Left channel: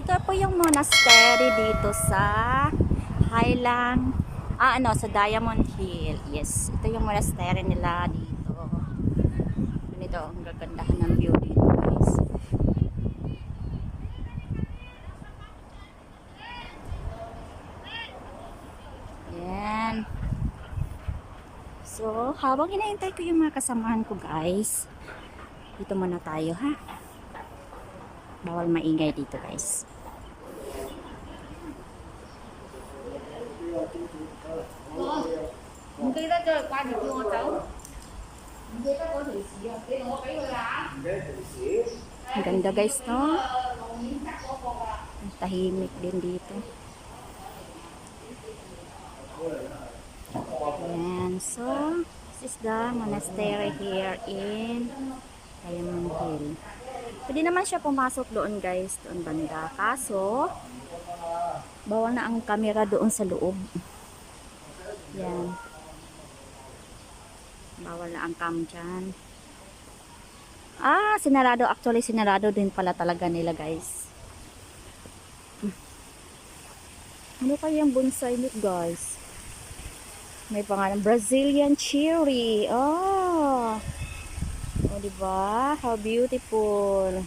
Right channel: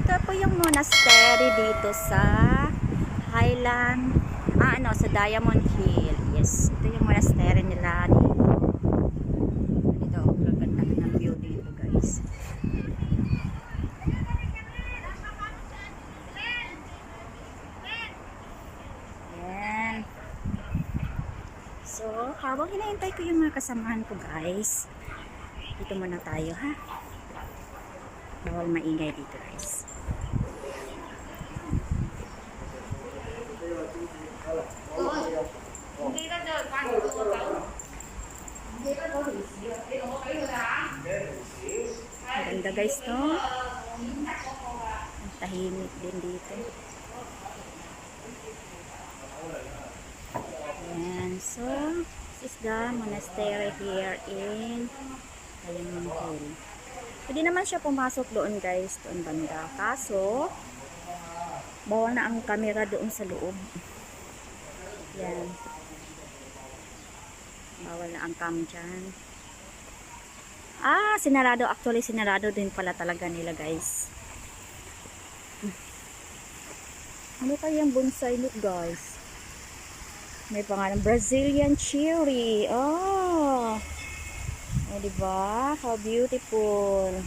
Ito po yung monastery dito sa Highland, sa Diamond Hill. Yes, ito yung monastery nila dito. Ganito, ang gagandahan ng view dito, guys. Yan. So, habang hinahintay ko yung mga kasamahan ko, guys, dito muna tayo, ha? Bawal maingay dito, guys. Ang ganda, guys, no? Ang tahimik din dito. Ayan. So, this is the monastery here in Diamond Hill. Pwede naman siya pumasok doon, guys, doon banda. Kaso, bawal na ang camera doon sa loob. Yan. Bawal na ang cam dyan. Sinarado. Actually, sinarado din pala talaga nila, guys. Ano kayang bonsai nito, guys? May pangalan, Brazilian cherry. Oh, diba? How beautiful.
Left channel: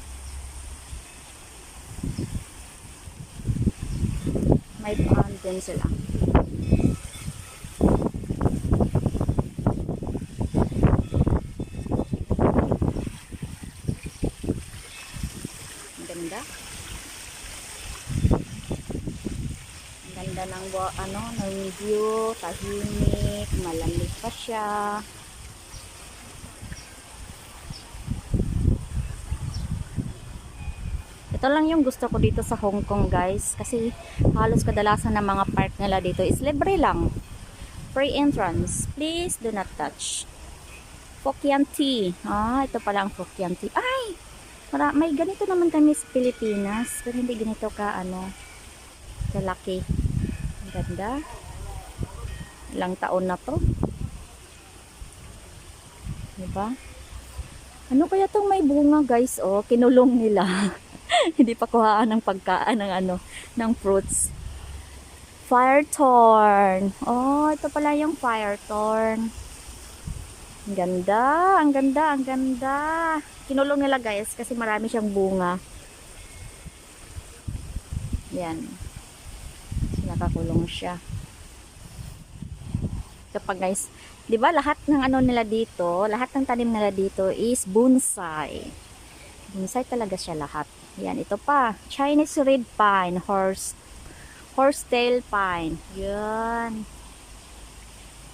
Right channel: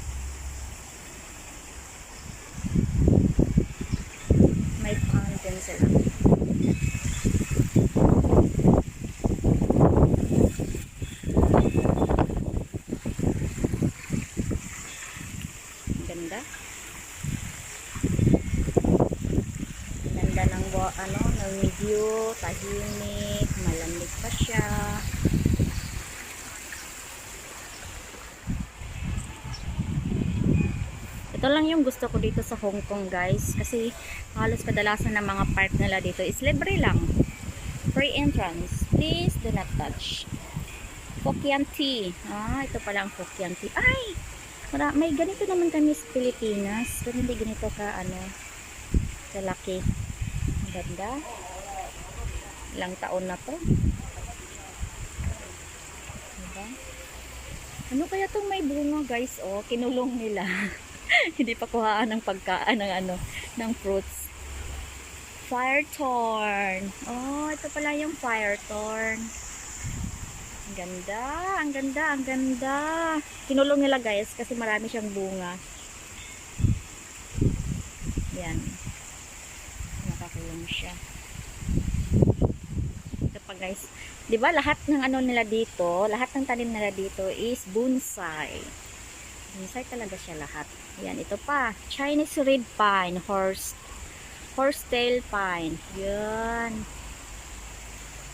May fountain sila. Ganda. Ganda ng ng view, tahimik, malamig pa siya. Ito lang yung gusto ko dito sa Hong Kong, guys, kasi halos kadalasan ng mga park nila dito is libre lang. Free entrance. Please do not touch. Focaccia tea. Ito pala ang Focaccia tea. Ay! May ganito naman kami sa Pilipinas, pero hindi ganito ka kalaki. Ang ganda. Ilang taon na to. Diba? Ano kaya itong may bunga, guys? Kinulong nila. Hindi pa kuhaan ng pagkaan ng fruits. Firethorn. Ito pala yung firethorn. Ang ganda, ang ganda, ang ganda. Kinulong nila, guys, kasi marami siyang bunga. Yan. Nakakulong siya. Ito pa, guys. 'Di ba lahat ng nila dito, lahat ng tanim nila dito is bonsai. Bonsai talaga siya lahat. Yan, ito pa. Chinese red pine, horsetail pine. Yan.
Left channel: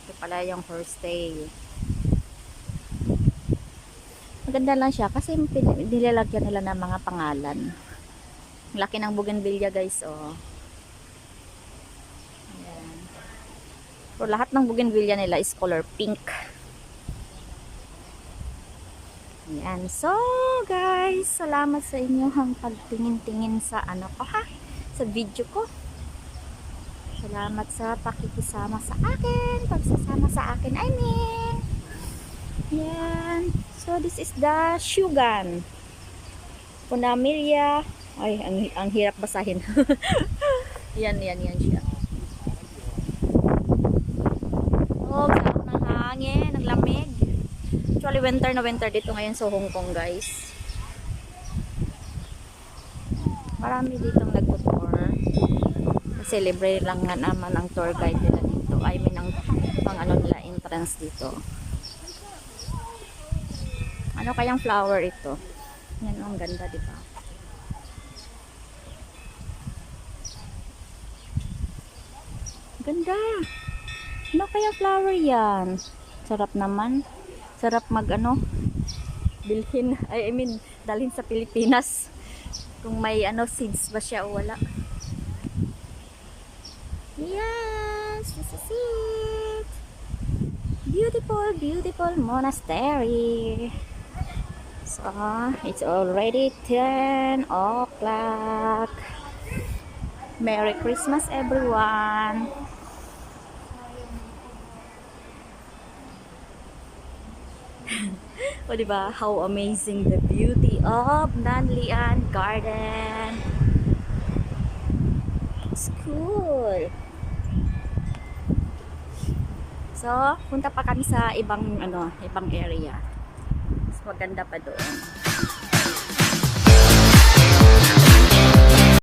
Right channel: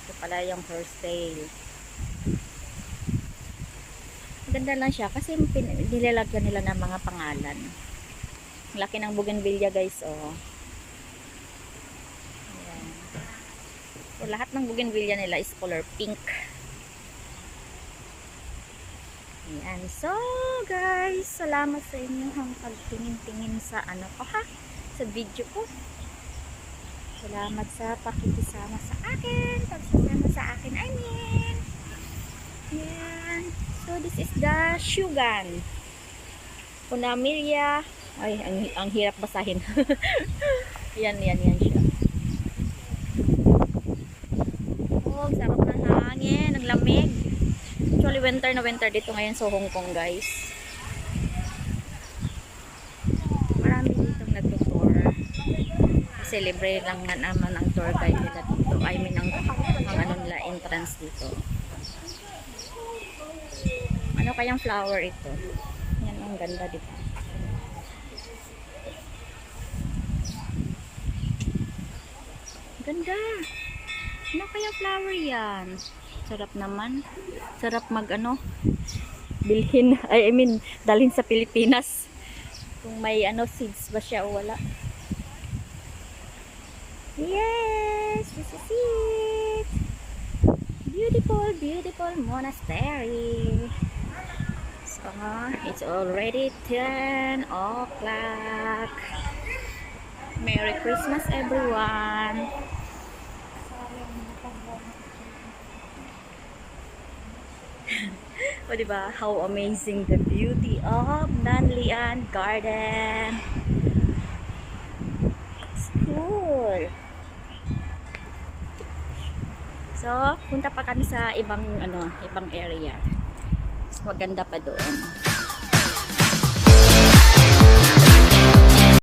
Ito pala yung horsetail. Maganda lang siya kasi nilalagyan nila ng mga pangalan. Laki ng bougainvillea, guys, Ayan. So, lahat ng bougainvillea nila is color pink. Ayan. So, guys, salamat sa inyong pagtingin-tingin sa sa video ko. Salamat sa pakikisama sa akin. Pagsasama sa akin, I mean. Yan. So, this is the Shugan. Punamilia. Ay, ang hirap basahin. yan siya. Sarap ng hangin. Ang lamig. Actually, winter na winter dito ngayon sa Hong Kong, guys. Marami ditong nagtutour. Kasi libre lang nga naman ang tour guide nila dito. I mean, ang nila entrance dito. Ano kayang flower ito? Yan, ang ganda, diba? Ganda! Ano kayang flower yan? Sarap naman. Sarap bilhin. I mean, dalhin sa Pilipinas. Kung may seeds ba siya o wala. Yes! This is it! Beautiful, beautiful monastery. So, it's already 10 o'clock. Merry Christmas, everyone! O diba, how amazing the beauty of Nanlian Garden. school. So, punta pa kami sa ibang area. Mas maganda pa doon.